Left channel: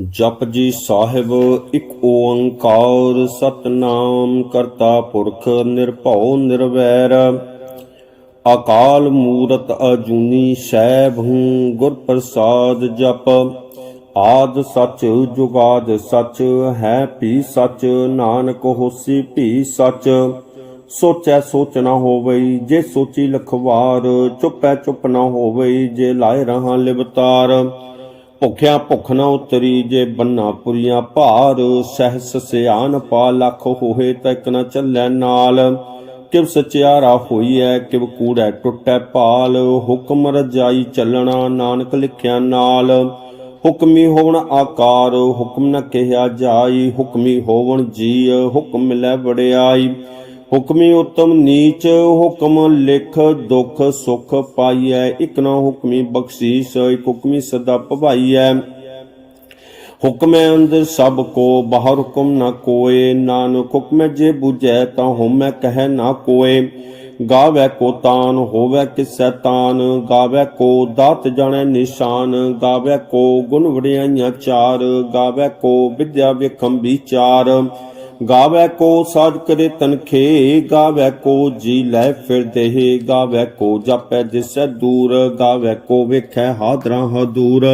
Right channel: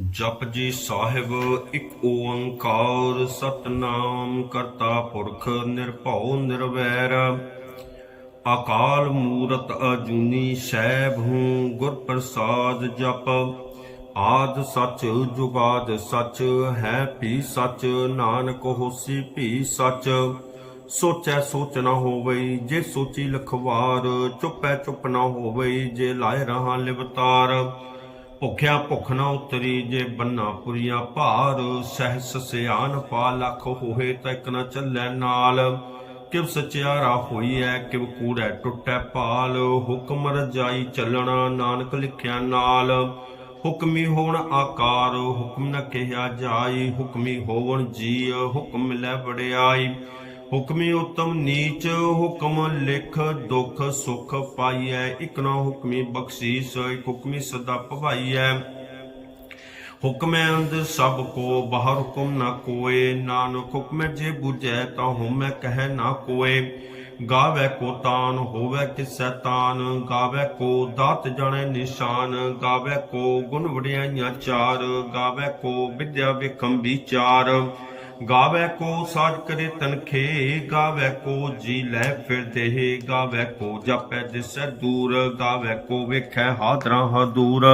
ਜਪ ਜੀ ਸਾਹਿਬ ਇੱਕ ਓੰਕਾਰ, ਸਤਨਾਮ ਕਰਤਾ ਪੁਰਖ ਨਿਰਭਉ ਨਿਰਵੈਰ। ਅਕਾਲ ਮੂਰਤ ਅਜੂਨੀ ਸੈਭ ਹੂੰ, ਗੁਰ ਪ੍ਰਸਾਦ ਜਪ। ਆਦ ਸਚ, ਜੁਗਾਦ ਸਚ, ਹੈ ਭੀ ਸਚ, ਨਾਨਕ ਹੋਸੀ ਭੀ ਸਚ। ਸੋਚੈ ਸੋਚ ਨਾ ਹੋਵਈ, ਜੇ ਸੋਚੀ ਲਖਵਾਰ, ਚੁੱਪੈ ਚੁੱਪ ਨਾ ਹੋਵਈ, ਜੇ ਲਾਇ ਰਹਾ ਲਿਵਤਾਰ। ਭੁਖਿਆ ਭੁਖ ਨਾ ਉਤਰੀ ਜੇ ਬੰਨਾ ਪੁਰੀਆਂ ਭਾਰ, ਸਹਿਸ ਸਿਆਨ ਪਾ ਲੱਖ ਹੋਏ ਤੱਕ ਨ ਚੱਲੈ ਨਾਲ। ਕਿਵ ਸਚਿਆਰਾ ਹੋਈਐ, ਕਿਵ ਕੂੜੈ ਟੁੱਟੈ ਪਾਲ ਹੁਕਮ ਰਜਾਈ ਚੱਲਣਾ ਨਾਨਕ ਲਿਖਿਆ ਨਾਲ। ਹੁਕਮੀ ਹੋਵਣ ਆਕਾਰ, ਹੁਕਮ ਨ ਕਿਹਾ ਜਾਈ। ਹੁਕਮੀ ਹੋਵਣ ਜੀ ਹੁਕਮ ਲੈ ਵਡਿਆਈ ਹੁਕਮੀ ਉਤਮ, ਨੀਚ ਹੁਕਮ ਲਿਖ, ਦੁਖ ਸੁਖ ਪਾਈਐ, ਇਕ ਨਾ ਹੁਕਮੀ ਬਖਸ਼ੀਸ, ਇਕ ਹੁਕਮੀ ਸਦਾ ਭਵਾਈਐ ਹੁਕਮੈ ਅੰਦਰ ਸਭ ਕੋ, ਬਾਹਰ ਹੁਕਮ ਨਾ ਕੋਏ, ਨਾਨਕ ਹੁਕਮੈ ਜੇ 부ਜੈ ਤਾਂ ਹਉਮੈ ਕਹੈ ਨਾ ਕੋਏ। ਗਾਵੇ ਕੋ ਤਾਨ, ਹੋਵੇ ਕਿਸੈ ਤਾਨ, ਗਾਵੇ ਕੋ ਦਾਤ ਜਾਣੈ ਨਿਸ਼ਾਨ, ਗਾਵੇ ਕੋ ਗੁਣ ਵਡਿਆਈਆਂ ਚਾਰ, ਗਾਵੇ ਕੋ ਵਿਦਿਆ ਵੇਖੰ ਵਿਚਾਰ ਗਾਵੇ ਕੋ ਸਾਜ ਕਰੇ ਤਨਖੇ, ਗਾਵੇ ਕੋ ਜੀ ਲੈ ਫਿਰ ਦੇਹ, ਗਾਵੇ ਕੋ ਜਾਪੈ ਦਿਸੈ ਦੂਰ, ਗਾਵੇ ਕੋ ਵੇਖੈ ਹਾਦਰਾ ਹਦੂਰ।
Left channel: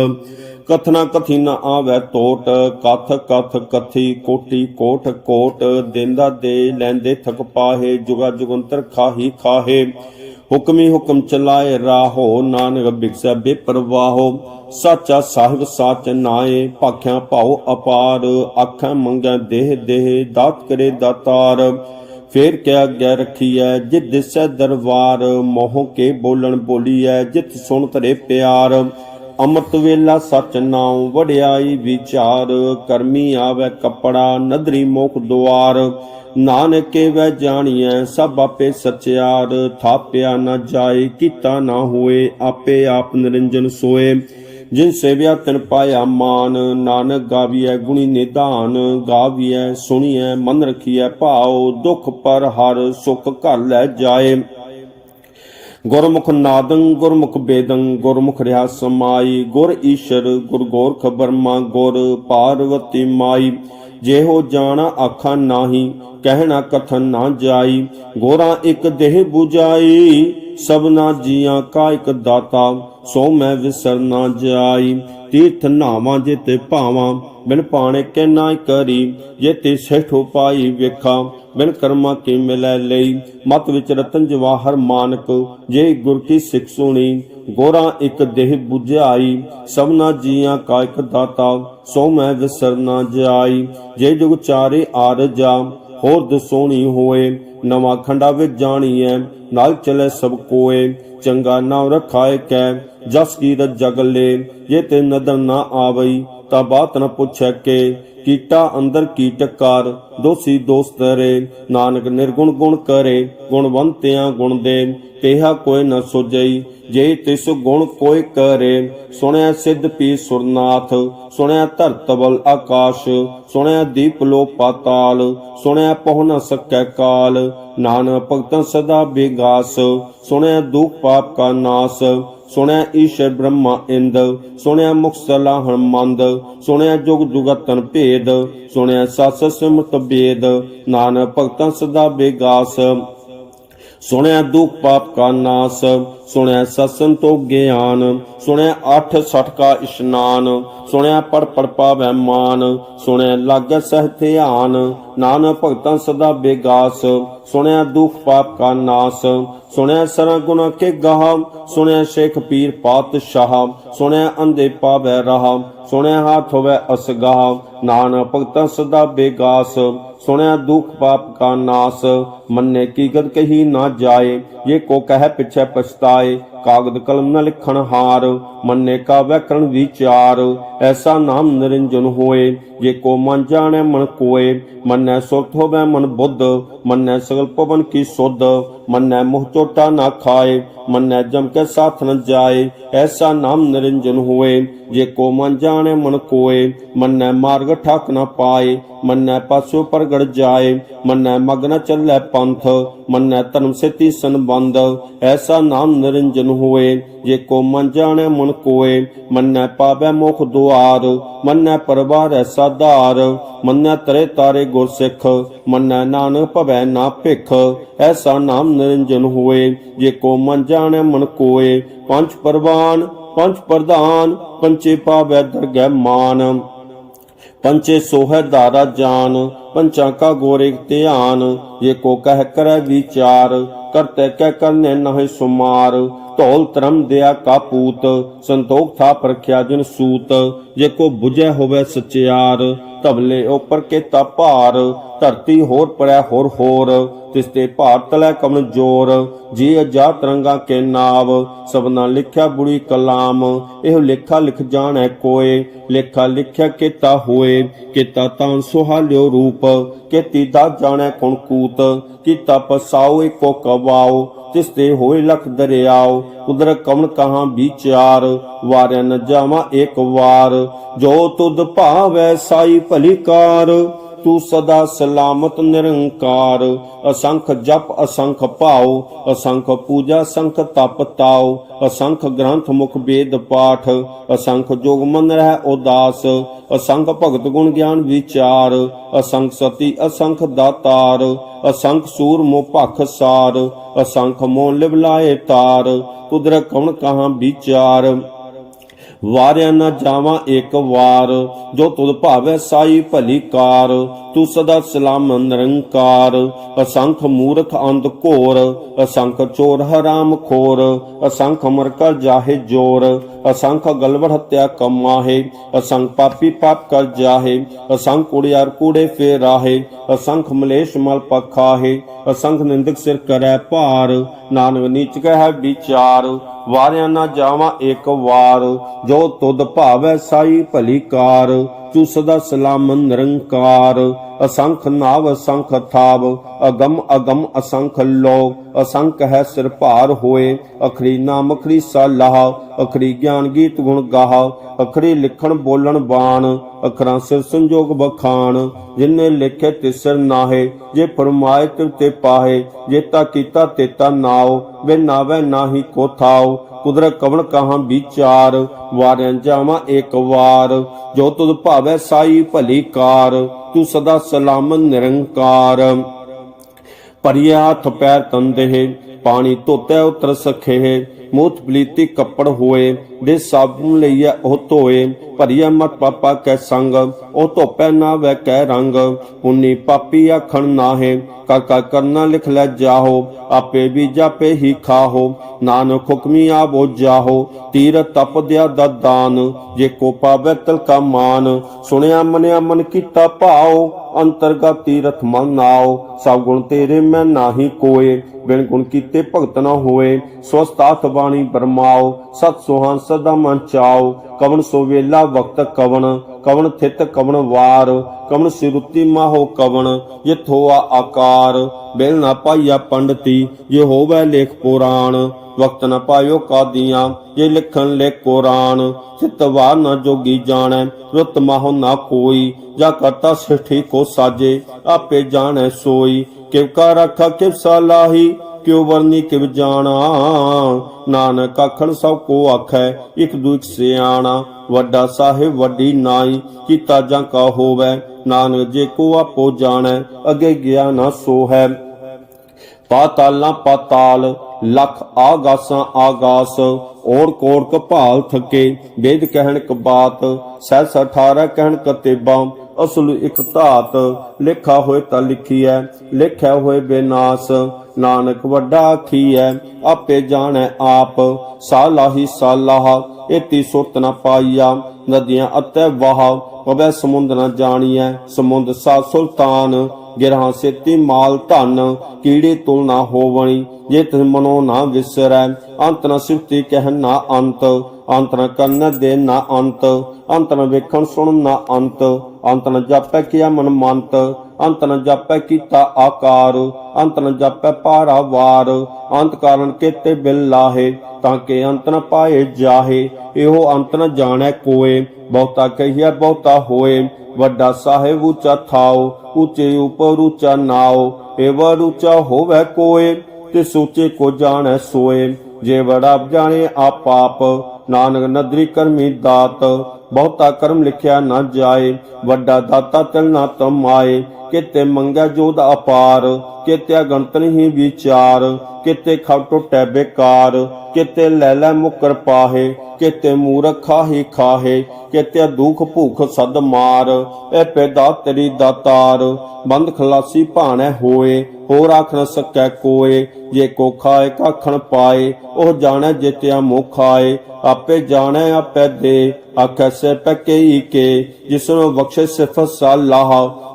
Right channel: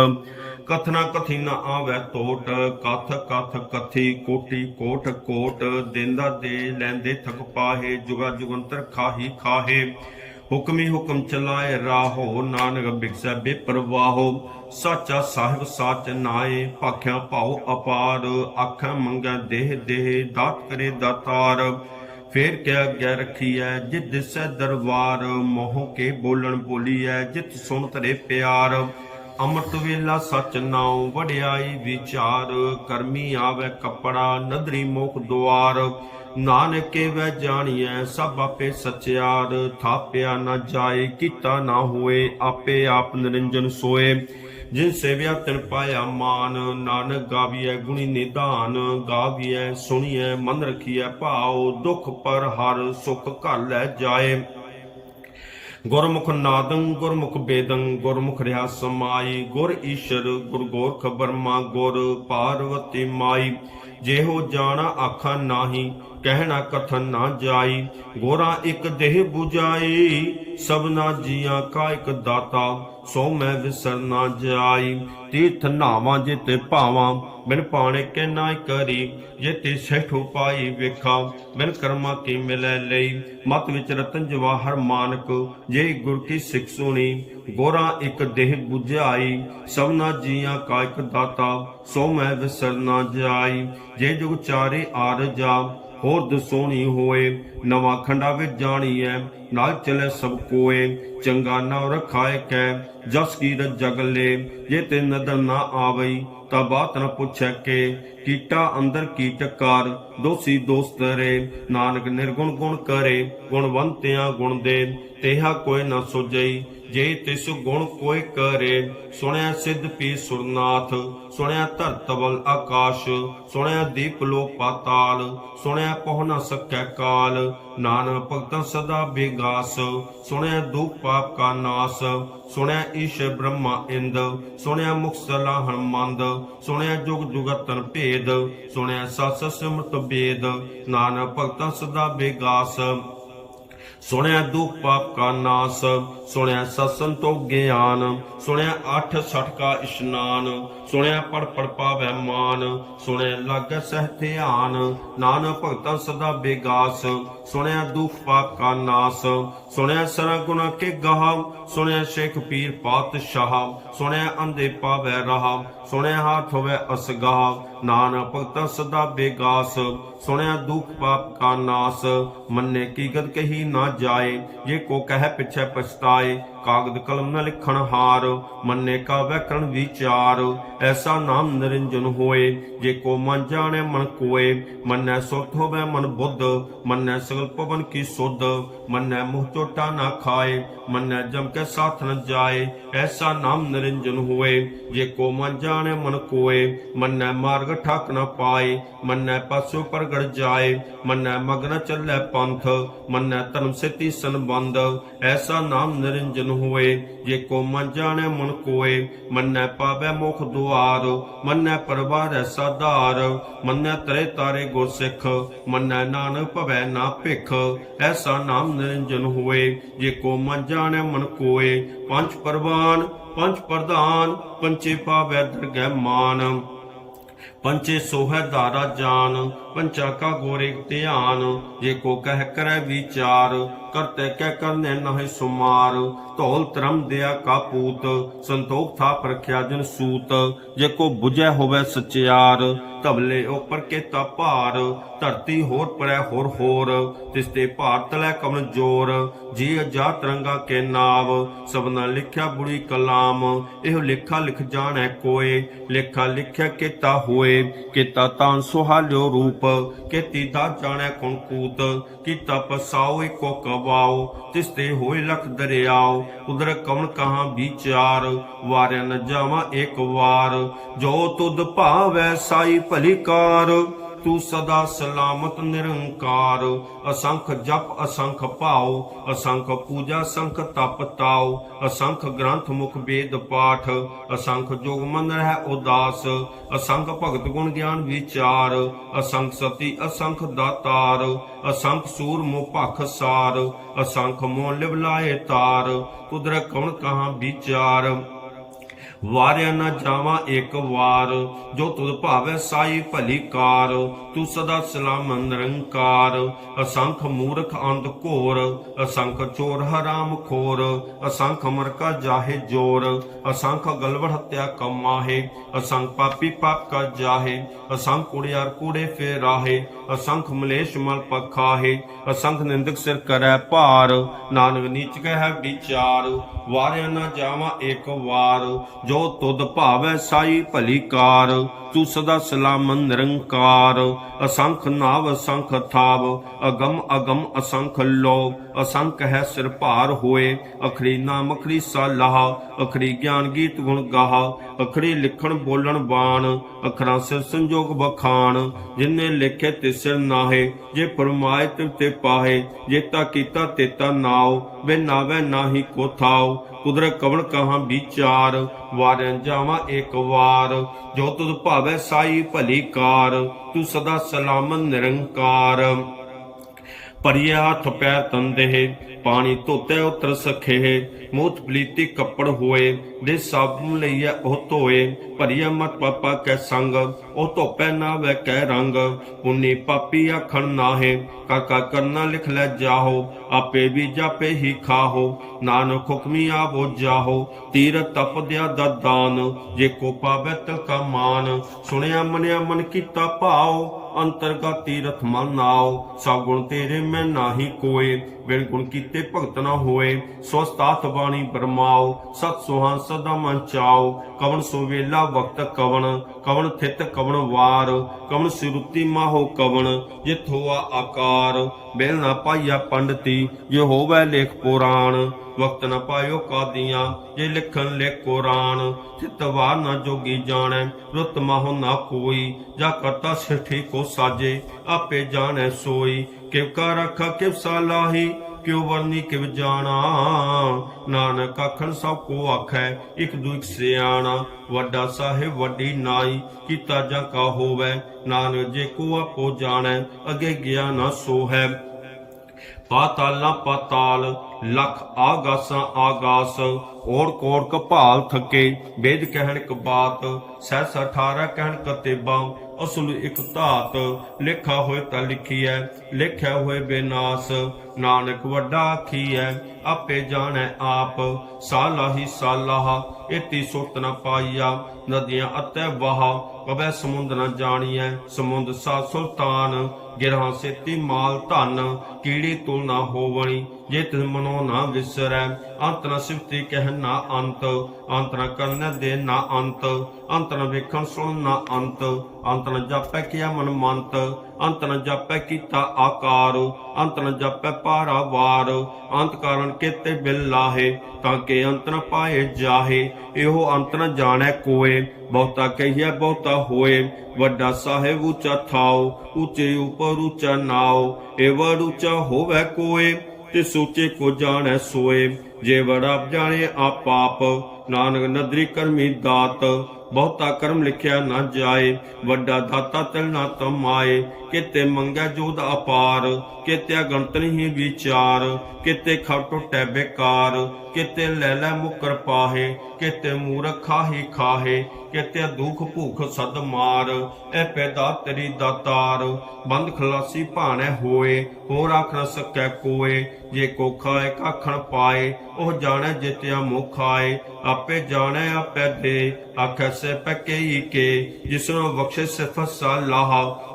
ਕਥਨਾ ਕਥੀ ਨ ਆਵੇ ਤੋਟ, ਕਥ ਕਥ ਕਥੀ ਕੋਟੀ ਕੋਟ ਕੋਟ, ਦਿੰਦਾ ਦੇ ਲੈਂਦੇ ਥਕ ਪਾਹੇ, ਜੁਗਾ ਜੁਗੰਤਰ ਖਾਹੀ ਖਾਹੇ। ਹੁਕਮੀ ਹੁਕਮ ਚਲਾਏ ਰਾਹੋ, ਨਾਨਕ ਬਿਗਸੈ ਬੇਪਰਵਾਹੋ, ਸਾਚਾ ਸਾਹਿਬ ਸਾਚ ਨਾਏ, ਭਾਖਿਆ ਭਾਉ ਅਪਾਰ, ਆਖਾਂ ਮੰਗੈ ਦੇਹ ਦੇਹ, ਦਾਤ ਕਰੇ ਦਾਤਾਰ। ਫੇਰ ਕਿਆ ਅੱਗੇ ਰੱਖੀਐ ਜਿਤ ਦਿਸੈ ਦਰਬਾਰ ਮੋਹ ਕੇ ਬੋਲਣ ਬੋਲੀਐ, ਜਿਤ ਸੁਣ ਤਰੇ ਪਿਆਰ। ਅਮਰਤ ਵੇਲਾ ਸਚ ਨਾਉ, ਵਡਿਆਈ ਵਿਚਾਰ, ਕਰਮੀ ਆਵੇ ਕਪੜਾ, ਨਦਰੀ ਮੋਖ ਦੁਆਰ। ਨਾਨਕੇ ਵੈ ਜਾਣੀਐ, ਸਭ ਆਪੇ ਸਚਿਆਰ। ਥਾਪਿਆ ਨਾ ਜਾਏ, ਕੀਤਾ ਨਾ ਹੋਏ, ਆਪੇ ਆਪ ਨਿਰੰਜਨ ਸੋਏ। ਜਿਨ ਸੇਵਿਆ ਤਿਨ ਪਾਇਆ ਮਾਨ, ਨਾਨਕ ਗਾਵੀਐ ਗੁਣੀ ਨਿਧਾਨ। ਗਾਵੀਐ, ਸੁਣੀਐ, ਮਨ ਰਖੀਐ ਭਾਉ, ਦੁਖ ਪਰ ਹਰ ਸੁਖ ਘਰ ਲੈ ਜਾਏ। ਗੁਰਮੁਖ ਨਾਦੰ, ਗੁਰਮੁਖ ਬੇਦੰ, ਗੁਰਮੁਖ ਰਿਆ ਸਮਾਈ। ਗੁਰ ਈਸ਼ਰ, ਗੁਰ ਗੋਰਖ ਬਰਮਾ, ਗੁਰ ਪਾਰਵਤੀ ਮਾਈ। ਜਿਹੋ ਜਾਣਾ ਆਖਾਂ ਨਾਹੀ, ਕਹਿਣਾ ਕਥਨ ਨਾ ਜਾਈ, ਗੋਰਾ ਇੱਕ ਦੇਹ 부ਜਾਈ ਸਭਨਾ ਜੀਆਂ ਕਾ ਇੱਕ ਦਾਤਾ, ਸੋ ਮੈਂ ਵਿਸਰ ਨਾ ਜਾਈ। ਤੀਰਥ ਨਾਵਾਂ ਜੇ ਭਾਵਾਂ, ਬਿਨ ਪਾਣੇ ਕੇ ਨਾ ਕਰੀ ਜੇ ਤੇ ਪਾਈ ਵੇਖਾਂ, ਬਿਨ ਕਰਮਾ ਕੀ ਮਿਲੈ ਲਈ। ਮਤ ਵਿੱਚ ਰਤਨ ਜਵਾਹਰ ਮਾਨਕ, ਜੇ ਗੁਰ ਕੀ ਸਿੱਖ ਸੁਣੀ ਗੋਰਾ ਇੱਕ ਦੇਹ 부ਝਾਈ ਸਭਨਾ ਜੀਆਂ ਕਾ ਇੱਕ ਦਾਤਾ, ਸੋ ਮੈਂ ਵਿਸਰ ਨਾ ਜਾਈ ਜੇ ਜੁਗ ਚਾਰੇ ਆਰਜਾ ਹੋਰ ਦਸੋਣੀ ਹੋਏ, ਨਵਾਂ ਖੰਡਾ ਵਿੱਚ ਜਾਣੀਐ, ਨਾਲ ਚਲੇ ਸਭ ਕੋਏ। ਚੰਗਾ ਨਾਮ ਰਖਾਏ ਕੈ, ਜਸ ਕੀ ਰਜ ਜਗ ਲੈ। ਜੇ ਤੇ ਨਦਰ ਨਾ ਆਵਈ, ਤਾ ਬਾਤ ਨ ਪੁੱਛੈ ਕੇ। ਕੀਟਾ ਅੰਦਰ ਕੀਟਕਾਰ ਦੋਸੀ ਦੋਸਤ ਰੇ ਨਾਨਕ ਨਿਰਗੁਣ ਗੁਣ ਕਰੇ, ਗੁਣਵੰਤਿਆਂ ਗੁਣ ਦੇ। ਤੇਹਾ ਕੋਈ ਨ ਸੋਜਈ ਜੇ ਤਿਸ ਗੁਣ ਕੋਈ ਕਰੇ। ਸੁਣਿਆ ਸਿੱਧ ਪੀ ਸੁਰਨਾਥ, ਸੁਣਿਆ ਧਰਤਵਲ ਆਕਾਸ਼, ਸੁਣਿਆ ਦੀਪ ਲੋ ਪਾਤਾਲ, ਸੁਣਿਆ ਪਹੁ ਨ ਸਕੈ ਕਾਲ। ਨਾਨਕ ਭਗਤਾਂ ਸਦਾ ਬੇਗਾਸ, ਸੁਣਿਆ ਦੁਖ ਪਾਪ ਕਾ ਨਾਸ। ਸੁਣਿਆ ਈਸ਼ਰ ਬ੍ਰਹਮਾ ਇੰਦ, ਸੁਣਿਆ ਮੁਖ ਸਲਾਹਣ ਮੰਦ ਸੁਣਿਆ ਜੁਗ ਜੁਗਤਨ ਭੇਦ, ਸੁਣਿਆ ਸਸ ਸਿਮਰਤ ਬੇਦ। ਨਾਨਕ ਭਗਤਾਂ ਸਦਾ ਬੇਗਾਸ। ਸੁਣਿਆ ਦੁਖ ਪਾਪ ਕਾ ਨਾਸ, ਸੁਣਿਆ ਸਤਸੰਗ ਤੋਂ ਗਿਆਨ, ਸੁਣਿਆ ਅਠ ਸਠ ਕਾ ਇਸ਼ਨਾਨ, ਸੁਣਿਆ ਪੜ ਪੜ ਪਾਵੈ ਮਾਨ, ਸੁਣਿਆ ਲਾਗ ਸਹਿ ਧਿਆਨ, ਨਾਨਕ ਭਗਤਾਂ ਸਦਾ ਬੇਗਾਸ ਸੁਣਿਆ ਦੁਖ ਪਾਪ ਕਾ ਨਾਸ, ਸੁਣਿਆ ਸਰ ਗੁਨਾ ਕੇ ਗਾਹ, ਸੁਣਿਆ ਸ਼ੇਖ ਪੀਰ ਪਾਤਸ਼ਾਹ, ਸੁਣਿਆ ਅੰਦੇ ਪਾਵੈ ਰਾਹ, ਸੁਣਿਆ ਹਾਥ ਹੋਵੇ ਅਸਗਾਹ ਨਾਨ ਭਗਤਾਂ ਸਦਾ ਬੇਗਾਸ, ਸੁਣਿਆ ਦੁਖ ਪਾਪ ਕਾ ਨਾਸ, ਮੰਨੇ ਕੀ ਗਦ ਕਹੀ ਨਾ ਜਾਏ, ਜੇ ਕੋ ਕਹਿ ਪਿਛੈ ਪਛਤਾਏ ਕਾਗਦ ਕਲਮ ਨਾ ਲਿਖਣ ਹਾਰ, ਮੰਨੇ ਕਾ ਵੈਕਰਣ ਵਿਚਾਰ। ਐਸਾ ਨਾਮ ਨਿਰੰਜਨ ਹੋਏ, ਜੇ ਕੋ ਮਨ ਜਾਣੈ ਮਨ ਕੋਏ। ਮੰਨੈ ਸੁਰਤ ਹੋਵੇ ਮਨ ਬੁੱਧ, ਮੰਨੈ ਸਗਲ ਪਵਨ ਕੀ ਸੁਧ। ਮੰਨੈ ਮੋਹ ਚੋਟਾ ਨਾ ਖਾਏ ਮੰਨੈ ਜਮ ਕੇ ਸਾਥ ਨ ਜਾਏ, ਐਸਾ ਨਾਮ ਨਿਰੰਜਨ ਹੋਏ। ਜੇ ਕੋ ਮਨ ਜਾਣੈ ਮਨ ਕੋਏ, ਮੰਨੈ ਮਾਰਗ ਠਾਕ ਨ ਪਾਏ। ਮੰਨੈ ਪਾਸੋ ਪ੍ਰਗੜ ਜਾਏ, ਮੰਨੈ ਮਗਨ ਚੱਲੈ ਪੰਥ। ਮੰਨੈ ਧਰਮ ਸੇਤੀ ਸੰਬੰਧ, ਐਸਾ ਨਾਮ ਨਿਰੰਜਨ ਹੋਏ। ਜੇ ਕੋ ਮਨ ਜਾਣੈ ਮਨ ਕੋਏ, ਮੰਨੈ ਪਾਵੈ ਮੁਖ ਦੁਆਰ। ਮੰਨੈ ਪਰਵਾਰੈ ਸਾਧਾਰ। ਮੰਨੈ ਤਰੇ ਤਾਰੇ ਗੁਰ ਸਿੱਖ। ਮੰਨੈ ਨਾਨਕ ਭਵੈ ਨਾ ਭਿਖ। ਐਸਾ ਨਾਮ ਨਿਰੰਜਨ ਹੋਏ। ਜੇ ਕੋ ਮਨ ਜਾਣੈ ਮਨ ਕੋਏ, ਪੰਜ ਪਰਵਾਨ, ਪੰਜ ਪ੍ਰਧਾਨ ਪੰਚੇ ਪਾਵੈ ਦਰਗਹਿ ਮਾਨ। ਪੰਚੇ ਸੋਹੈ ਧਾਰਾ ਜਾਨ, ਪੰਚਾਂ ਕਾ ਗੋਰੇ ਧਿਆਨ। ਜੇ ਕੋ ਕਹਿ ਕਰੈ ਵਿਚਾਰ, ਕਰਤੇ ਕਹਿ ਕਰਨੇ ਨਹੀਂ ਸੁਮਾਰ। ਧੌਲ ਧਰਮ ਦਿਆ ਕਾਪੂਤ ਸੰਤੋਖ ਥਾ ਪ੍ਰਖਿਆ ਜਨ ਸੂਤ। ਜੇ ਕੋ 부ਜੈ ਹੋਵੇ ਸਚਿਆਰ ਧਵਲੇ ਉਪਰ ਕੇਤਾ ਭਾਰ, ਧਰਤੀ ਹੋਰ ਪਰੈ ਹੋਰ ਹੋਰ, ਤਿਸ ਤੇ ਭਾਰ ਤਲੈ ਕਮਨ ਜੋਰ, ਜੀ ਅਜਾ ਤਰੰਗਾ ਕੇ ਨਾਵ, ਸਭਨਾ ਲਿਖਿਆ ਬੁੜੀ ਕਲਾਮ, ਇਹ ਲੇਖਾ ਲਿਖ ਜਾਣੈ ਕੋਏ, ਲੇਖਾ ਲਿਖਿਆ ਕੀਤਾ ਹੋਏ, ਕੀਤਾ ਤਾਂ ਸੁਹਾਲਿਓ ਰੂਪ, ਕੀਤੀ ਦਾ ਜਾਣੈ ਕੁਣ ਕੂਤ, ਕੀਤਾ ਪਸਾਓ ਏਕੋ ਕਵਾਓ ਤਿਸ ਤੇ ਹੋਏ ਲਖ ਦਰਿਆਓ ਉਦਰ ਕਵਣ ਕਹਾਂ ਵਿਚਾਰ, ਵਾਰਿਆ ਨ ਜਾਵਾਂ ਏਕ ਵਾਰ, ਜੋ ਤੁਧ ਭਾਵੈ ਸਾਈ ਭਲੀ ਕਾਰ। ਤੂੰ ਸਦਾ ਸਲਾਮਤ, ਨਿਰੰਕਾਰ। ਅਸੰਖ ਜਪ, ਅਸੰਖ ਭਾਉ। ਅਸੰਖ ਪੂਜਾ ਸੰਖ ਤਪ ਤਾਉ। ਅਸੰਖ ਗ੍ਰੰਥ, ਮੁਖ ਵੇਦ ਪਾਠ। ਅਸੰਖ ਜੋਗ ਮਨ ਰਹਿ ਉਦਾਸ। ਅਸੰਖ ਭਗਤ ਗੁਣ ਗਿਆਨ ਵਿਚਾਰ। ਅਸੰਖ ਸਤੀ, ਅਸੰਖ ਦਾਤਾਰ। ਅਸੰਖ ਸੂਰ ਮੋ ਭਖ ਸਾਰ। ਅਸੰਖ ਮੋ ਲਿਵ ਲਾਏ ਤਾਰ। ਕੁਦਰ ਕਵਣ ਕਹਾਂ ਵਿਚਾਰ। ਵਾਰਿਆ ਨਾ ਜਾਵਾਂ ਇੱਕ ਵਾਰ, ਜੋ ਤੁਧ ਭਾਵੈ ਸਾਈ ਭਲੀ ਕਾਰ, ਤੂੰ ਸਦਾ ਸਲਾਮ ਨਿਰੰਕਾਰ। ਅਸੰਖ ਮੂਰਖ ਅੰਧ ਘੋਰ, ਅਸੰਖ ਚੋਰ ਹਰਾਮ ਖੋਰ, ਅਸੰਖ ਮਰਕਾ ਜਾਹੇ ਜੋਰ, ਅਸੰਖ ਗਲਵੜ ਹਤਿਆ ਕਮਾਹੇ, ਅਸੰਖ ਪਾਪੀ ਪਾਪ ਕਰ ਜਾਹੇ, ਅਸੰਖ ਕੁੜਿਆਰ ਕੂੜੇ ਫੇਰ ਰਾਹੇ ਅਸੰਖ ਮਲੇਸ਼ ਮਲ ਪਖਾਹੇ, ਅਸੰਖ ਨਿੰਦਕ ਸਿਰ ਕਰੈ ਭਾਰ, ਨਾਨਕ ਨੀਚ ਕਹਿ ਵਿਚਾਰ। ਵਾਰਿਆ ਨਾ ਜਾਵਾਂ ਇੱਕ ਵਾਰ, ਜੋ ਤੁਧ ਭਾਵੈ ਸਾਈ ਭਲੀ ਕਾਰ, ਤੂੰ ਸਦਾ ਸਲਾਮ ਨਿਰੰਕਾਰ। ਅਸੰਖ ਨਾਵ, ਅਸੰਖ ਥਾਵ, ਅਗਮ ਅਗਮ ਅਸੰਖ ਲੋ। ਅਸੰਖ ਹੈ ਸਿਰ ਭਾਰ ਹੋਏ, ਅਖਰੀ ਨਾਮ ਅਖਰੀ ਸਾਲਾਹ, ਅਖਰੀ ਗਿਆਨ ਗੀਤ ਗੁਣ ਗਾਹ। ਅਖਰੀ ਲਿਖਣ ਬੋਲਣ ਬਾਣ, ਅਖਰਾਂ ਸਿਰ ਸੰਜੋਗ ਬਖਾਨ ਜਿਨੇ ਲਿਖੇ ਤਿਸਰ ਨਾਹੇ, ਜੇ ਫਰਮਾਏ ਤਿਵ ਤੇ ਪਾਹੇ ਜੇਤਾ ਕੀਤਾ ਤੇਤਾ ਨਾਉ ਵੇ ਨਾਵੇ ਨਾਹੀ ਕੋ ਥਾਉ ਕੁਦਰ ਕਵਣ ਕਹਾਂ ਵਿਚਾਰ, ਵਾਰਿਆਂ ਜਾਵਾਂ ਇੱਕ ਵਾਰ, ਜੋ ਤੁਧ ਭਾਵੈ ਸਾਈ ਭਲੀ ਕਾਰ, ਤੂੰ ਸਦਾ ਸਲਾਮ ਨਿਰੰਕਾਰ। ਪਰਿਆ ਹੱਥ ਪੈਰ ਤੰਦੇ ਪਾਣੀ ਧੋਤੇ ਉਤਰ ਸਖੇ ਮੂਤ ਬਲੀਤੀ ਕੱਪੜ ਹੋਏ, ਦੇ ਸਾਬੂਨ ਲਈਐ ਉਹ ਧੋਏ। ਭਰੀਆ ਮਤ ਪਾਪਾ ਕੈ ਸੰਗ, ਉਹ ਧੋਪੈ ਨਾ ਵੈ ਕੈ ਰੰਗ। ਪੁੰਨੀ ਪਾਪੀ ਆਖਣ ਨਾਹੇ ਕਾਕਾ ਕਰਨਾ ਲਿਖ ਲੈ ਜਾਹੋ, ਆਪੇ ਵੀ ਜਾਪੇ ਹੀ ਖਾਹੋ। ਨਾਨਕ ਹੁਕਮੀ ਆਵੋ ਜਾਹੋ ਤੀਰ ਤਪ ਦਿਆ ਦਦਾਨ ਜੇ ਕੋ ਪਾਵੈ ਤਲ ਕਾ ਮਾਨ, ਸੁਣਿਆ ਮਨਿਆ ਮਨ ਕੀਤਾ ਭਾਉ। ਅੰਤਰਗਤ ਤੀਰਥ ਮਨ ਨਾਉ, ਸਭ ਗੁਣ ਤੇਰੇ ਮੈਂ ਨਾਹੀ ਕੋਏ। ਬਿਨ ਗੁਣ ਕੀਤੇ ਭਗਤ ਨਾ ਹੋਏ ਸਵਸਤਾਤ ਬਾਣੀ ਬਰਮਾਓ, ਸਤ ਸੁਹਾਨ ਸਦਾ ਮਨ ਚਾਓ। ਕਵਨ ਸੋ ਵੇਲਾ ਵਕਤ ਕਵਨ ਕਵਨ ਥਿਤ ਕਵਨ ਵਾਰ। ਕਵਨ ਸਿਰੁੱਤੀ ਮਾਹੋ ਕਵਨ ਜਿਥੋ ਆ ਆਕਾਰ। ਬਿਲ ਨਾ ਪਾਈਆ ਪੰਡਤੀ, ਜੇ ਹੋਵੇ ਲੇਖ ਪੁਰਾਣ। ਵਕਤ ਨ ਪਾਇਓ ਕਾਦੀਆਂ, ਜੇ ਲਿਖਣ ਲੈ ਕੁਰਾਨ। ਚਿਤਵਾ ਨ ਜੋਗੀ ਜਾਣੈ, ਰੁੱਤ ਮਾਹੁ ਨਾ ਕੋਈ। ਜਾ ਕਰਤਾ ਸਿਠੀ ਕੋ ਸਾਜੇ, ਆਪੇ ਜਾਣੈ ਸੋਈ। ਕਿਵ ਕਾ ਰੱਖਾ ਕਿਵ ਸਲਾਹੀ ਕਿਉ ਵਰਨੀ ਕਿਵ ਜਾਣਾ? ਨਾਨਕ ਆਖਣ ਸਭ ਕੋ ਆਖੈ, ਇਕ ਦੂ ਇਕ ਸਿਆਣਾ। ਵੱਡਾ ਸਾਹਿਬ ਵੱਡੀ ਨਾਈ, ਕੀਤਾ ਜਾਂ ਕਾ ਹੋਵੇ? ਨਾਨਕ ਜੇ ਕੋ ਆਪੋ ਜਾਣੈ, ਅਗੇ ਗਿਆ ਨਾ ਸੋ ਹੈ ਪਾਤਾਲਾਂ ਪਾਤਾਲ, ਲਖ ਆਗਾਸਾਂ ਆਗਾਸ, ਔਰ ਕੋੜ ਕਪਾਲ ਥਕੇ ਵੇਦ ਕਹਿਣ ਕ ਬਾਤ ਸਹਿਸ 18 ਕਹਿਣ ਕਤੇਬਾ। ਅਸਲ ਇਕ ਧਾਤ ਲਿਖਾ ਹੋਏ ਤਾਂ ਲਿਖੀਐ, ਲਿਖਿਆ ਹੋਏ ਬੇਨਾਸ। ਨਾਨਕ ਵੱਡਾ ਆਖੀਐ, ਆਪੇ ਜਾਣੈ ਆਪ। ਸਾਲਾਹੀ ਸਾਲਾਹ, ਏਤੀ ਸੁਰਤ ਨ ਪਾਈਆ। ਨਦੀਆਂ ਅਤੈ ਵਾਹ ਕਬੈ ਸਮੁੰਦ ਨ ਜਾਣੀਐ। ਸਮੁੰਦ ਸਾ ਸੁਲਤਾਨ, ਗਿਰਹਾਂ ਸੇਤੀ ਮਾਲ ਧਨ। ਕੀੜੀ ਤੁਲ ਨਾ ਹੋਵਣੀ, ਜੇ ਤਿਸ ਮਨੋ ਨਾ ਵਿਸਰੈ। ਅੰਤ ਨ ਸਿਫਤੀ ਕਹਿ ਨਾ ਅੰਤ ਅੰਤ ਨ ਕਰਨ ਦੇ ਨਾ ਅੰਤ। ਅੰਤ ਨ ਵੇਖਣ ਸੁਣ ਨਾ ਅੰਤ। ਅੰਤ ਨ ਜਾਪੈ ਕੀਆ ਮਨ ਮੰਤ ਅੰਤ ਨ ਜਾਪੈ ਕੀਤਾ ਆਕਾਰ, ਅੰਤ ਨ ਜਾਪੈ ਪਾਰਾ ਵਾਰ, ਅੰਤ ਕਾਰਨ ਕੇਤੇ ਬਿਲ ਲਾਹੇ, ਤਾਂ ਕਿ ਅੰਤ ਨ ਪਾਏ ਜਾਹੇ, ਇਹੋ ਅੰਤ ਨ ਜਾਣੈ ਕੋਏ, ਬਹੁਤਾ ਕਹੀਐ ਬਹੁਤਾ ਹੋਏ, ਵੱਡਾ ਸਾਹਿਬ ਉੱਚਾ ਥਾਉ, ਉੱਚੇ ਉਪਰ ਉਚਾ ਨਾਉ, ਏਵਰ ਉੱਚਾ ਹੋਵੇ ਕੋਏ ਤੇ ਸੋਚੇ ਕੋ ਜਾਣੈ ਸੋਏ, ਜੇ ਬੜਾ ਜਾਣੇ ਆਪ, ਨਾਨਕ ਨਦਰੀ ਕਰਮੀ ਦਾਤ ਬਹੁਤਾ ਕਰਮ ਲਿਖਿਆ ਨਾ ਜਾਏ, ਵੱਡਾ ਦਾਤਾ ਤਿਲ ਨਾ ਤਮਾਏ ਕਿਤੇ ਮੰਗੈ ਜੋਦ ਅਪਾਰ, ਕਿਤੇ ਗਣਤ ਨਹੀਂ ਵਿਚਾਰ। ਕਿਤੇ ਖਵ ਟੁੱਟੈ ਬੇਕਾਰ, ਕਿਤੇ ਲੈ ਲੈ ਮੁਕਰ ਪਾਹੇ। ਕਿਤੇ ਮੂਰਖ ਖਾਹੀ ਖਾਹੇ, ਕਿਤੇ ਦੁਖ ਭੁਖ ਸਦ ਮਾਰ। ਐ ਪੈਦਾ ਤੇਰੀ ਦਾਤਾਰ, ਬੰਦ ਖਲਾਸੀ ਭਾਣੈ ਹੋਏ। ਹੋਰ ਆਖ ਨ ਸਕੈ ਕੋਏ, ਜੇ ਕੋ ਖਾਏ ਕਾਖਣ ਪਾਏ। ਉਹ ਜਾਣੈ ਜਿਤਿਆ ਮੁਖ ਆਏ ਆਪੇ ਜਾਣੈ ਆਪੇ ਦੇ। ਆਖੈ ਸੇ ਪਕਈ ਕੇ ਜਿਸਨੂੰ ਬਖਸ਼ੇ ਸਿਫਤ ਸਾਲਾਹ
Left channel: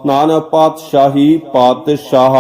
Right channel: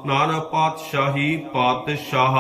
ਨਾਨਕ ਪਾਤਸ਼ਾਹੀ ਪਾਤਸ਼ਾਹ।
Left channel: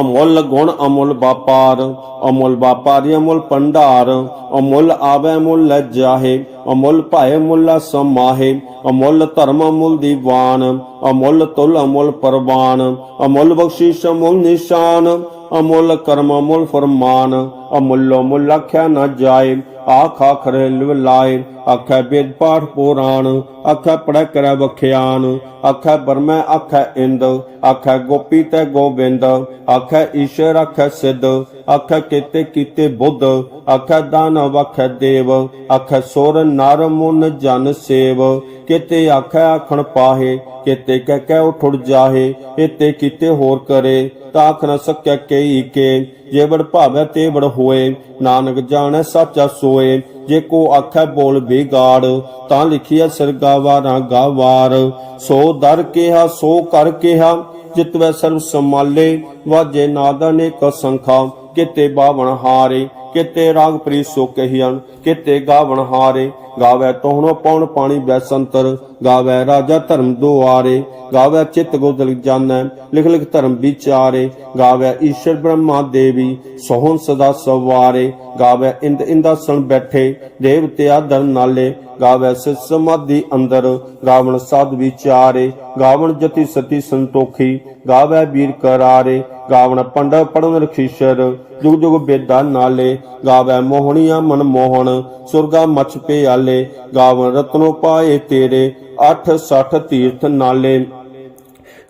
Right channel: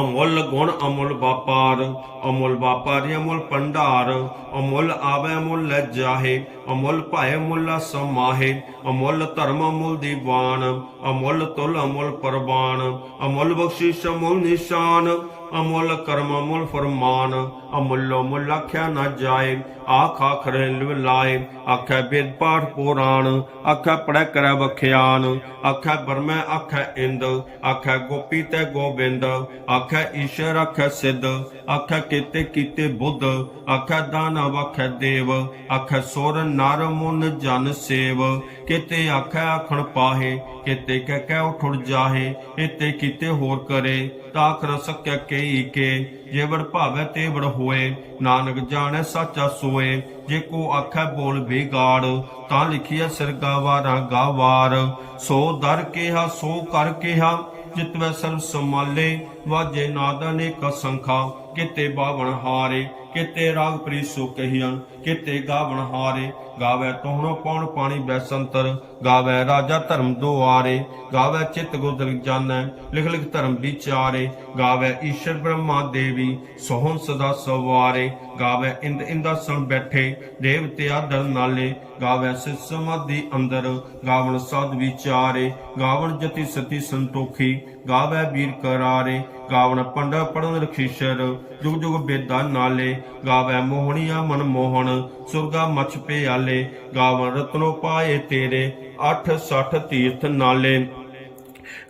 ਅਮੁੱਲ ਗੁਣ ਅਮੁੱਲ ਵਪਾਰ, ਅਮੁੱਲ ਵਪਾਰੀ ਅਮੁੱਲ ਪੰਡਾਰ ਅਮੁੱਲ ਆਵੇ ਮੁੱਲ ਜਾਹੇ, ਅਮੁੱਲ ਭਾਏ ਮੁੱਲਾ ਸਮਾਹੇ, ਅਮੁੱਲ ਧਰਮ ਅਮੁੱਲ ਦੀਵਾਨ, ਅਮੁੱਲ ਤੁਲ ਅਮੁੱਲ ਪਰਵਾਨ, ਅਮੁੱਲ ਬਖਸ਼ਿਸ਼ ਅਮੁੱਲ ਨਿਸ਼ਾਨ, ਅਮੁੱਲ ਕਰਮ ਅਮੁੱਲ ਫਰਮਾਨ। ਅਮੁੱਲੋ ਮੁੱਲ ਆਖਿਆ ਨਾ ਜਾਏ, ਆਖ ਆਖਰੇ ਲਿਵ ਲਾਏ। ਆਖੈ ਵੇਦ ਪਾਠ ਪੁਰਾਣ, ਆਖੈ ਪੜੈ ਕਰੈ ਬਖਿਆਨ ਆਖੈ ਬਰਮੈ ਆਖੈ ਇੰਦ, ਆਖੈ ਗੋਪੀ ਤੇ ਗੋਬਿੰਦ। ਆਖੈ ਈਸ਼ਰ ਆਖੈ ਸਿੱਧ, ਆਖੈ ਕੀਤੇ ਕੀਤੇ ਬੁੱਧ। ਆਖੈ ਦਾਨਵ ਆਖੈ ਦੇਵ, ਆਖੈ ਸੁਰ ਨਰ ਮੁਨ ਜਨ ਸੇਵ। ਕਿਤੇ ਆਖੈ ਆਖਣ ਪਾਹੇ, ਕਿਤੇ ਕਹਿ ਕਹਿ ਉਠੜ ਜਾਹੇ। ਇਤੇ ਕੀਤੇ ਹੋਰ ਕਰੇ, ਤਾਂ ਆਖ ਨ ਸਕੈ ਕਈ ਕੇ। ਜੇ ਬੜ ਭਾਵੈ ਤੇ ਬੜ ਹੋਏ, ਨਾਨਕ ਜਾਣੈ ਸਾਚਾ ਸੋਏ। ਜੇ ਕੋ ਆਖੈ ਬੋਲ ਬੇਗਾੜ ਤਾਂ ਲਿਖਿਆ ਸਰਗਾਵਾਰਾਂ ਗਾਵਾਰ। ਸੋ ਦਰ ਕਿਹਾ, ਸੋ ਕਰ ਕਿਹਾ, ਜਿਤਵੈ ਸਰਬ ਸਮਾਲੇ ਵਾਜੇ ਨਾਦ ਅਨੇਕ ਸੰਖਾ, ਕਿਤੇ ਬਾਵਣ ਹਾਰੇ। ਕਿਤੇ ਰਾਗ ਪ੍ਰੀ ਸੋ ਕਹੀਆਂ, ਕਿਤੇ ਗਾਵਣ ਹਾਰੇ। ਗਾਵੇ ਤੋਹਣੋ ਪੌਣ ਪਾਣੀ ਬੈਸੰਤਰ ਗਾਵੇ ਰਾਜਾ ਧਰਮ ਦੁਆਰੇ। ਗਾਵੇ ਚਿਤ ਗੋਦਲ ਜਾਣੈ ਲਿਖ ਲਿਖ ਧਰਮ ਵਿਚਾਰੇ। ਗਾਵੇ ਈਸ਼ਰ ਬ੍ਰਹਮਾ ਦੇਵੀ, ਸੋਹਣ ਸਦਾ ਸਵਾਰੇ। ਗਾਵੇ ਇੰਦ ਇੰਦਾਸਣ ਬੈਠੇ, ਦੇਵਤੇ ਆਦਰ ਨਾਲੇ। ਗਾਵੇ ਸਿਸ ਸਮਾਧੀ ਅੰਦਰ, ਗਾਵਣ ਸਾਧ ਵਿਚਾਰੇ। ਗਾਵਣ ਜਤੀ ਸਤੀ ਸੰਤੋਖੀ, ਗਾਵੇ ਵੀਰ ਕਰਾਰੇ। ਗਾਵਣ ਪੰਡ ਪੜਨ ਰਖੀਸ਼ਰ ਜੁਗ ਜੁਗ ਬੇਦਾ ਨਾਲੇ ਗਾਵੈ ਮੋਹਣੀਆਂ ਮਨ ਮੋਹਣ, ਸੁਰਗਾ ਮਛ ਪਿਆਲੇ ਗਾਵਣ ਰਤਨੋ ਪਾਏ ਤੇਰੇ 8 60 ਤੀਰਥ ਨਾਲੇ।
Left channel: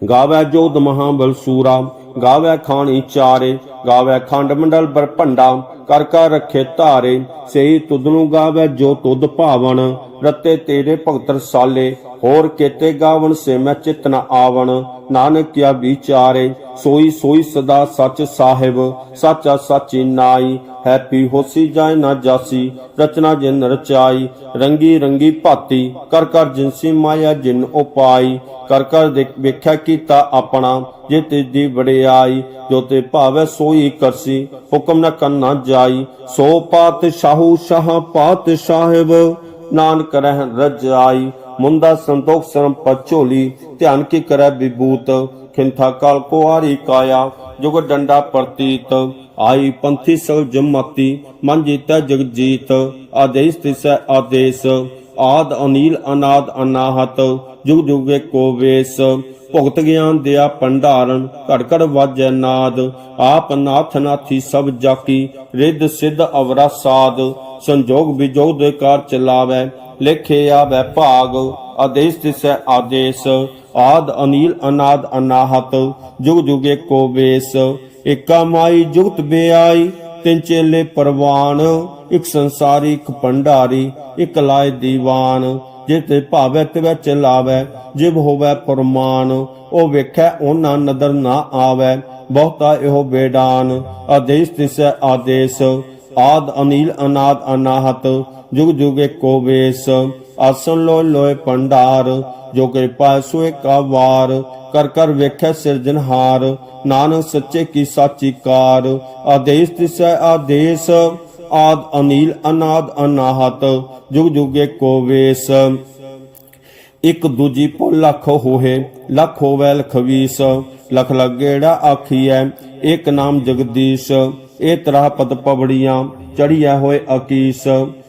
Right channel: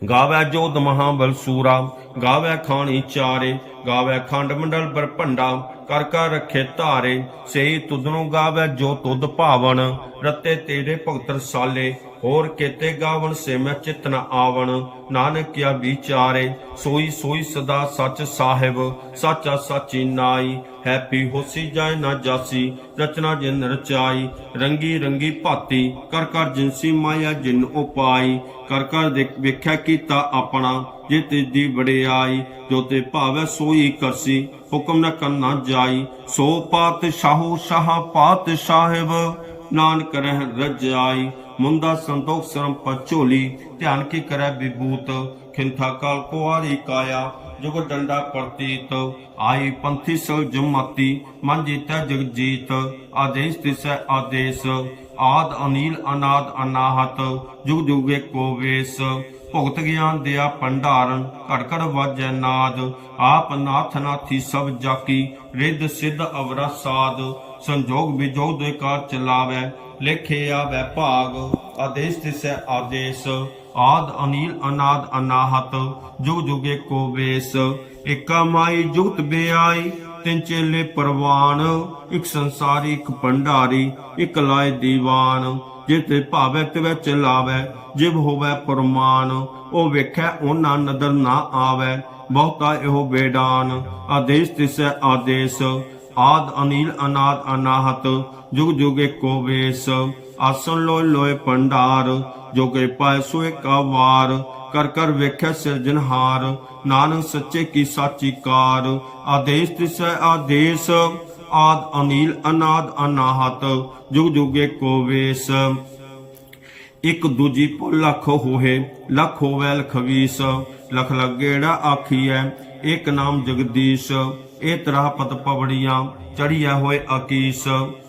ਗਾਵੇ ਜੋਦ ਮਹਾਬਲ ਸੂਰਾ, ਗਾਵੇ ਖਾਣੀ ਚਾਰੇ, ਗਾਵੇ ਖੰਡ ਮੰਡਲ ਬਰ ਭੰਡਾ, ਕਰ ਕਰ ਰੱਖੇ ਧਾਰੇ, ਸਈ ਤੁਧ ਨੂੰ ਗਾਵੇ ਜੋ ਤੁਧ ਭਾਵਨ, ਰਤੇ ਤੇਰੇ ਭਗਤ ਰਸਾਲੇ, ਹੋਰ ਕੇਤੇ ਗਾਵਣ ਸੇ ਮੈਂ ਚਿਤ ਨ ਆਵਣ ਨਾਨਕ ਕਿਆ ਵਿਚਾਰੇ, ਸੋਈ ਸੋਈ ਸਦਾ ਸੱਚ ਸਾਹਿਬ, ਸਾਚਾ ਸਾਚੀ ਨਾਈ ਹੈਪੀ ਹੋਸੀ ਜਾਏ ਨਾ ਜਾਸੀ, ਰਚਨਾ ਜਿਨ ਰਚਾਈ, ਰੰਗੀ ਰੰਗੀ ਭਾਤੀ, ਕਰ ਕਰ ਜਿਨਸੀ ਮਾਇਆ ਜਿਨ ਉਪਾਈ, ਕਰ ਕਰ ਵੇਖਿਆ ਕੀਤਾ ਆਪਣਾ, ਜੇ ਤੇਜੀ ਵਡਿਆਈ, ਜੋ ਤੇ ਭਾਵੈ ਸੋਈ ਕਰਸੀ, ਹੁਕਮ ਨ ਕਰਨਾ ਜਾਈ, ਸੋ ਪਾਤ ਸ਼ਾਹੂ ਸ਼ਾਹ ਪਾਤ ਸਾਹਿਬ ਨਾਨਕ ਰਹਿ ਰਜਾਈ ਮੁੰਦਾ ਸੰਤੋਖ ਸਰਮ ਪਚੋਲੀ ਧਿਆਨ ਕੀ ਕਰੈ ਵਿਭੂਤ, ਖਿੰਥਾ ਕਾਲ ਕੁਆਰੀ ਕਾਇਆ ਜੁਗ ਡੰਡਾ ਪ੍ਰਤੀਤ ਆਈ ਪੰਥੀ ਸੋ ਜਮਾਤੀ, ਮਨ ਜੀਤੈ ਜਗ ਜੀਤ ਆਦੇਸ ਤਿਸੈ ਆਦੇਸ, ਆਦ ਅਨੀਲ ਅਨਾਦ ਅਨਾਹਤ, ਜੁਗ ਜੁਗੇ ਕੋ ਵੇਸ, ਭੁਗਤ ਗਿਆਨ ਦਿਆ ਭੰਡਾਰਨ, ਘੜ ਘੜ ਵਾਜੈ ਨਾਦ, ਆਪ ਨਾਥ ਨਾਥੀ ਸਭ ਜਾਕੀ, ਰਿੱਧ ਸਿੱਧ ਅਵਰਾ ਸਾਧ ਸੰਜੋਗ ਵਿਜੋਗ ਦੇ ਕਾਰ ਚਲਾਵੈ ਲੇਖੇ ਆਵੈ ਭਾਗ, ਆਦੇਸ ਤਿਸੈ ਆਦੇਸ, ਆਦ ਅਨੀਲ ਅਨਾਦ ਅਨਾਹਤ, ਜੁਗ ਜੁਗੇ ਕੋ ਵੇਸ, ਏਕਾ ਮਾਈ ਜੁਗਤ ਬਿਆਈ, ਤਿੰਨ ਚੇਲੇ ਪਰਵਾਨ, ਇੱਕ ਸੰਸਾਰੀ, ਇੱਕ ਭੰਡਾਰੀ, ਇੱਕ ਲਾਏ ਦੀਵਾਨ ਜੇ ਤੇ ਭਾਵੈ ਤਿਵੈ ਚਲਾਵੈ, ਜਿਵ ਹੋਵੈ ਪਰਮਾਨ, ਉਹ ਵੇਖੈ ਉਹਨਾਂ ਨਦਰ ਨਾ ਆਵੈ, ਬਹੁਤਾ ਇਹੋ ਬੇਡਾਨ, ਆਦੇਸ ਤਿਸੈ ਆਦੇਸ ਆਦ ਅਨੀਲ ਅਨਾਦ ਅਨਾਹਤ, ਜੁਗ ਜੁਗੇ ਕੋ ਵੇਸ, ਆਸਨ ਲੋਇ ਲੋਇ ਭੰਡਾਰ ਜੋ ਕਿਰਪਾ ਸੋ ਏਕ ਵਾਰ ਕਰ ਕਰ ਵੇਖੈ ਸਿਰਜਨਹਾਰ ਨਾਨਕ ਸੱਚੇ ਕੀ ਸਾਚੀ ਕਾਰ, ਆਦੇਸ ਤਿਸੈ ਆਦੇਸ, ਆਦ ਅਨੀਲ ਅਨਾਦ ਅਨਾਹਤ, ਜੁਗ ਜੁਗੇ ਕੋ ਵੇਸ। ਇਕ ਦੂਜੀ ਪੋ ਲੱਖ ਹੋਏ, ਲੱਖ ਹੋਵੇ ਲਖਵੀਸ, ਲਖ ਲਗੇੜਾ ਆਖੀਐ ਇੱਕ ਨਾਮ ਜਗਦੀਸ਼ ਇਹ ਤਰ੍ਹਾਂ ਪਦ ਪਵੜੀਆਂ ਚੜੀਐ ਹੋਏ ਅਕੀਸ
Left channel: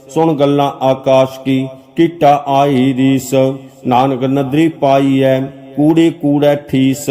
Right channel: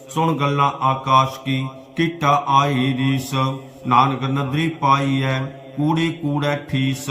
ਸੁਣ ਗੱਲਾਂ ਆਕਾਸ਼ ਕੀ, ਕੀਟਾ ਆਈ ਰੀਸ। ਨਾਨਕ ਨਦਰੀ ਪਾਈਐ, ਕੂੜੀ ਕੂੜੈ ਠੀਸ।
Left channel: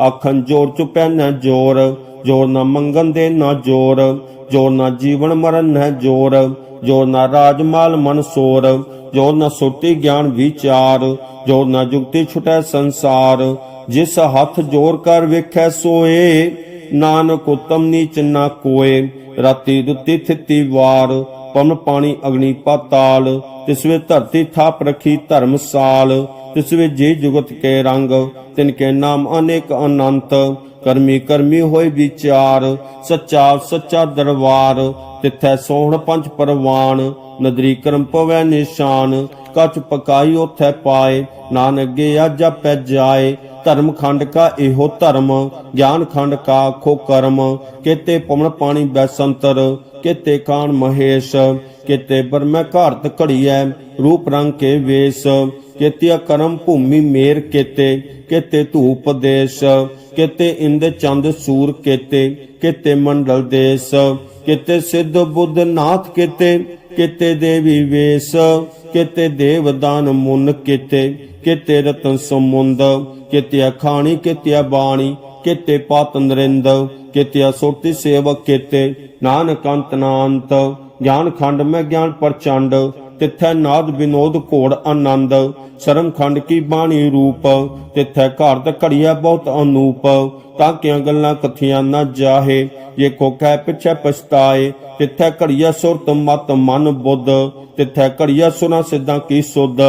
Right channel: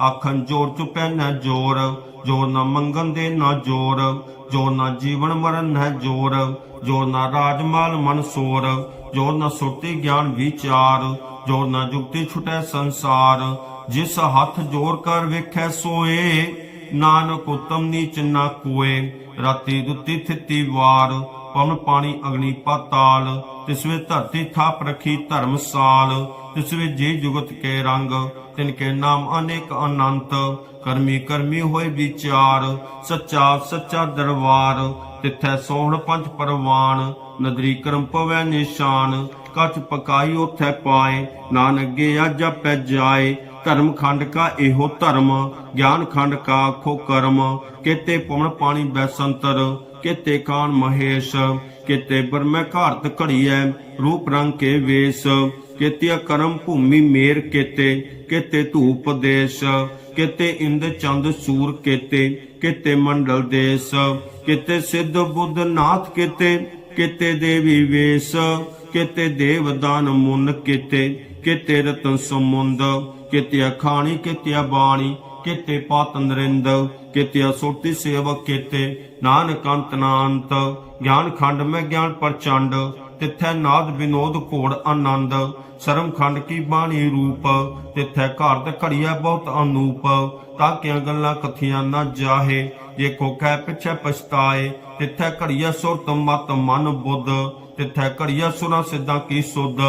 ਆਖਣ ਜੋਰ ਚੁਪੈ ਨ ਜੋਰ ਜੋਰ ਨ ਮੰਗਨ ਦੇ ਨਾ ਜੋਰ। ਜੋਰ ਨਾ ਜੀਵਨ ਮਰਨ ਹੈ ਜੋਰ ਜੋਰ ਨਾ ਰਾਜਮਾਲ ਮਨ ਸੋਰ। ਜੋ ਨਾ ਸੁਰਤੀ ਗਿਆਨ ਵਿਚਾਰ ਜੋ ਨਾ ਜੁਗਤੀ ਛੁਟੈ ਸੰਸਾਰ। ਜਿਸ ਹੱਥ ਜੋਰ ਕਰ ਵੇਖੈ ਸੋਏ ਨਾਨਕ ਉਤਮ ਨੀਚ ਨਾ ਕੋਏ, ਰਾਤੀ ਦੁੱਤੀ ਫਿੱਤੀ ਵਾਰ ਪਵਨ ਪਾਣੀ ਅਗਨੀ ਪਾਤਾਲ ਤਿਸ ਵੇ ਧਰਤੀ ਥਾਪ ਰਖੀ ਧਰਮਸਾਲ ਤਿਸ ਵੇ ਜੀ ਜੁਗਤ ਕੇ ਰੰਗ, ਤਿਨ ਕੇ ਨਾਮ ਅਨੇਕ ਅਨੰਤ, ਕਰਮੀ ਕਰਮੀ ਹੋਏ ਵਿਚਾਰ, ਸੱਚਾ ਸੱਚਾ ਦਰਬਾਰ, ਤਿੱਥੈ ਸੋਹਣ ਪੰਜ ਪਰਵਾਨ ਨਦਰੀ ਕਰਮ ਪਵੈ ਨਿਸ਼ਾਨ, ਕਚ ਪਕਾਈ ਉਥੈ ਪਾਏ, ਨਾਨਕ ਗੇ ਜਪੈ ਜਾਏ ਧਰਮ ਖੰਡ ਕਾ ਇਹੋ ਧਰਮ, ਗਿਆਨ ਖੰਡ ਕਾ ਖੋ ਕਰਮ, ਕੇਤੇ ਪਵਨ ਪਾਣੀ ਬੈਸੰਤਰ, ਕੇਤੇ ਕਾਨ ਮਹੇਸ਼, ਕੇਤੇ ਬਰਮੈ ਘਾਰਤ ਘੜੀਐ, ਰੂਪ ਰੰਗ ਕੇ ਵੇਸ, ਕੇਤਿਆ ਕਰਮ ਭੂਮੀ ਮੇਰ ਕੇਤੇ ਕੇਤੇ ਧੂਪ ਦੇਸ਼, ਕੇਤੇ ਇੰਦ ਚੰਦ ਸੂਰ ਕੇਤੇ ਕੇਤੇ ਮੰਡਲ ਦੇਸ, ਕੇਤੇ ਸਿੱਧ ਬੁੱਧ ਨਾਥ ਕੇਤੇ ਕੇਤੇ ਦੇਵੀ ਵੇਸ, ਕੇਤੇ ਦੇਵ ਦਾਨ ਮੁੰਨ ਕੇਤੇ ਕੇਤੇ ਰਤਨ ਸਮੁੰਦ ਕੇਤੇ ਖਾਣੀ ਕੇਤੇ ਬਾਣੀ, ਕੇਤੇ ਪਾਤ ਨਰਿੰਦ ਕੇਤੇ ਸੁਰਤੀ ਸੇਵਕ ਕੇਤੇ, ਨਾਨਕ ਅੰਤ ਨਾਨਤ ਗਿਆਨ ਖੰਡ ਮੈਂ ਗਿਆਨ ਪ੍ਰਚੰਡ, ਤਿੱਥੈ ਨਾਦ ਵਿਨੋਦ ਘੋੜ ਆਨੰਦ, ਸਰਮ ਖੰਡ ਕੀ ਬਾਣੀ ਰੂਪ, ਤਿੱਥੈ ਘਰ ਤੇ ਘੜੀਐ ਬਹੁਤ ਅਨੂਪ, ਤਾਂ ਕਿਆਂ ਗੱਲਾਂ ਕਥੀਆਂ ਨਾ ਜਾਹੇ, ਜੇ ਕੋ ਪਿਛੈ ਪਛਤਾਏ, ਤਿੱਥੈ ਘੜੀਐ ਸੁਰਤ ਮਤ ਮਨ ਬੁੱਧ, ਤਿੱਥੈ ਘੜੀਐ ਸੁਨਾ ਸਿੱਧਾਂ ਕੀ ਸੁਧ।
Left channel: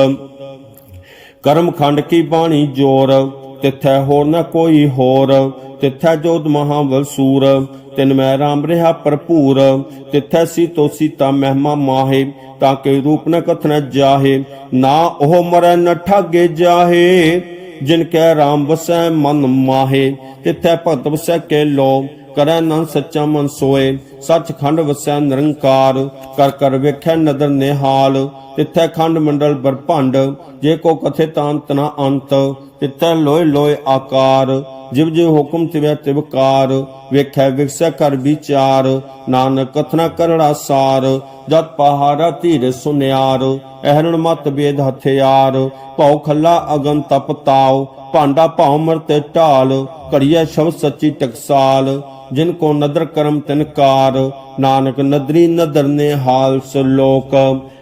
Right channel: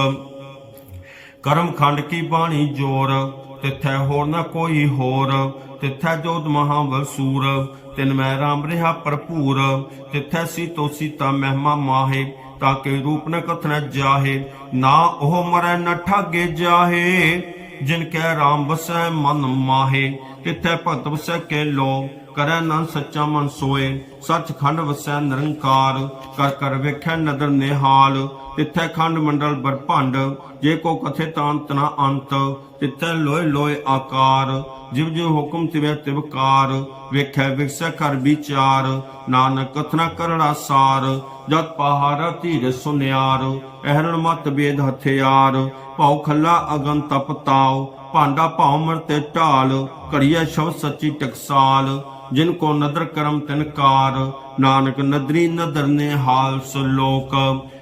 ਕਰਮ ਖੰਡ ਕੀ ਬਾਣੀ ਜੋਰ? ਤਿੱਥੈ ਹੋਰ ਨਾ ਕੋਈ ਹੋਰ। ਤਿੱਥੈ ਜੋਤ ਮਹਾਵਲ ਸੂਰ। ਤਿਨ ਮੈਂ ਰਾਮ ਰਿਹਾ ਭਰਪੂਰ। ਤਿੱਥੈ ਸੀਤੋ ਸੀਤਾ ਮਹਿਮਾ ਮਾਹੇ। ਤਾਂ ਕੇ ਰੂਪ ਨ ਕਥਨ ਜਾਹੇ। ਨਾ ਉਹ ਮਰੈ ਨ ਠਾਗੇ ਜਾਹੇ। ਜਿਨ ਕੈ ਰਾਮ ਵਸੈ ਮਨ ਮਾਹੇ। ਤਿੱਥੈ ਭਗਤ ਵਸੈ ਕੇ ਲੋ ਕਰੈ ਨਨ ਸੱਚਾ ਮਨ ਸੋਏ। ਸੱਚਖੰਡ ਵਸੈ ਨਿਰੰਕਾਰ। ਕਰ ਕਰ ਵੇਖੈ ਨਦਰ ਨਿਹਾਲ। ਤਿੱਥੈ ਖੰਡ ਮੰਡਲ ਬਰਭੰਡ ਜੇ ਕੋ ਕਥੇ ਤਾਂਤ ਨਾ ਅੰਤ, ਤਿੱਥੈ ਲੋਏ ਲੋਏ ਆਕਾਰ, ਜਿਵ ਜਿਵ ਹੁਕਮ ਤਿਵੈ ਤਿਵਕਾਰ ਵੇਖੈ ਵਿਖਸੈ ਕਰ ਵਿਚਾਰ, ਨਾਨਕ ਕਥਨਾ ਕਰੜਾ ਸਾਰ, ਜਤ ਪਹਾੜਾ ਧੀਰ ਸੁਨਿਆਰ, ਅਹਰਣ ਮਤ ਬੇਦ ਹਥਿਆਰ, ਭਉ ਖੱਲਾ ਅਗਨ ਤਪ ਤਾਉ, ਭਾਂਡਾ ਭਉ ਮਰਤੇ ਢਾਲ ਘੜੀਆ ਸ਼ਬਦ ਸੱਚੀ ਟਕਸਾਲ, ਜਿਨ ਕੋ ਨਦਰ ਕਰਮ ਤਿਨਕਾਰ ਨਾਨਕ ਨਦਰੀ ਨਦਰ ਨੇ ਹਾਲ ਸਲੋਕ।